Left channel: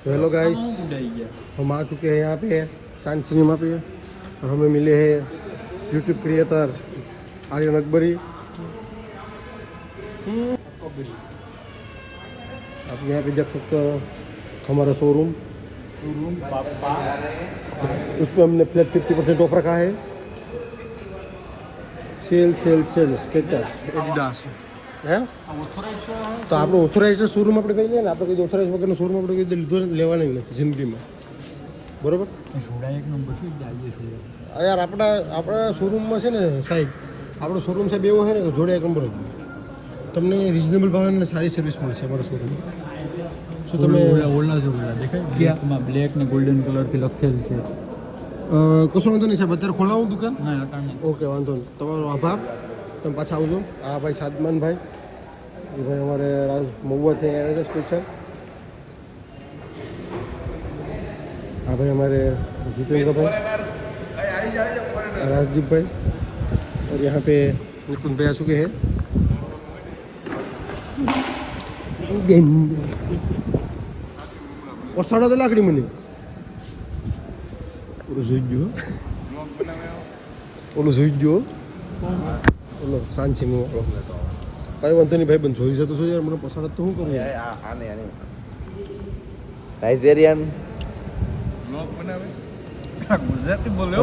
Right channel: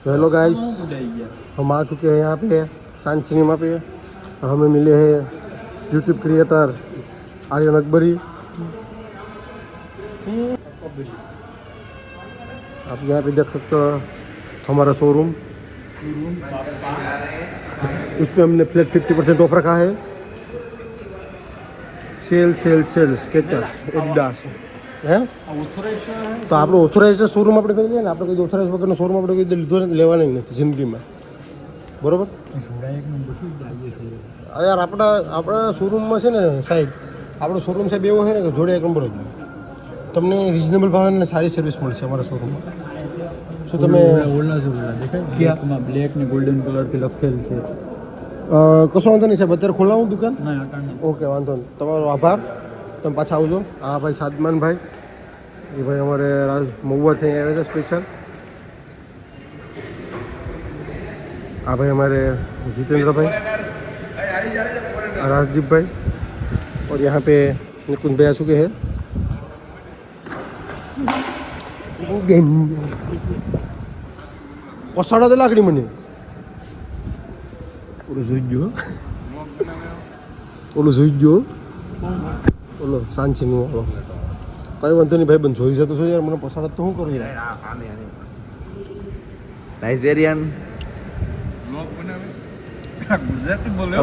तो hello guys, हम आ चुके हैं यहाँ पे साइंस सिनेमा पे। और हमें मिले हैं यूट्यूब क्रिएटर आर्यन अकबरी। आप यहाँ पे देख सकते हो हमारा शोरूम। इस पे हमने फ्लैट 50% ऑफ रखा है। Sale sale sale Skechers Adidas है। તો આપણો ઓથોરાઇઝ શોરૂમ આપણે કહીએ ને, આપણે કોઈ ઓથોરાઇઝ વગરનો શોરૂમ આપણે કોઈ લીધો લેવાનો નથી જિંદગીમાં, બરોબર? યાર આપણા શોરૂમમાં છે ને સાહેબ, આપણો શોરૂમ સાહેબ એવો છે ને કે જોડે એક નંબર જ તમને રિઝનેબલ ભાવે અને સારી સર્વિસ મળશે અમારા શોરૂમમાં. શું તમે ઓલા દેખાય બ્લેક ને ગોલ્ડન કલરથી લખેલ છે? કશો વાંધો નહીં સાહેબ, અત્યારે ખોલાવું દુકાન? ઓકે, વાંધો નહીં, તમારો આભાર. તમે પાછા આવજો. આ ભાઈ સાદમાનભાઈ, એ ભાઈ અમારે મહુવા થઈ ગયા છે સ્પેશિयल. આ ભાઈ हमारे जितेंद्र भाई, राजदीप भाई, और यहाँ पे निकुंज भाई आ चुके हैं. ઓસાડા તો લાકડી મને ઓલું જોઈ ગયો, ઓલું જોઈ ગયો, ઓલો સાંચી નું કઈ વાંધો નહીં ભાઈ, બંધ જોઈ જતો છો યાર. મને પસાડા તો શું કરું યાર? નાઇજેરિયન બ્લોગ બનાવે ગુજરાતી બોલે.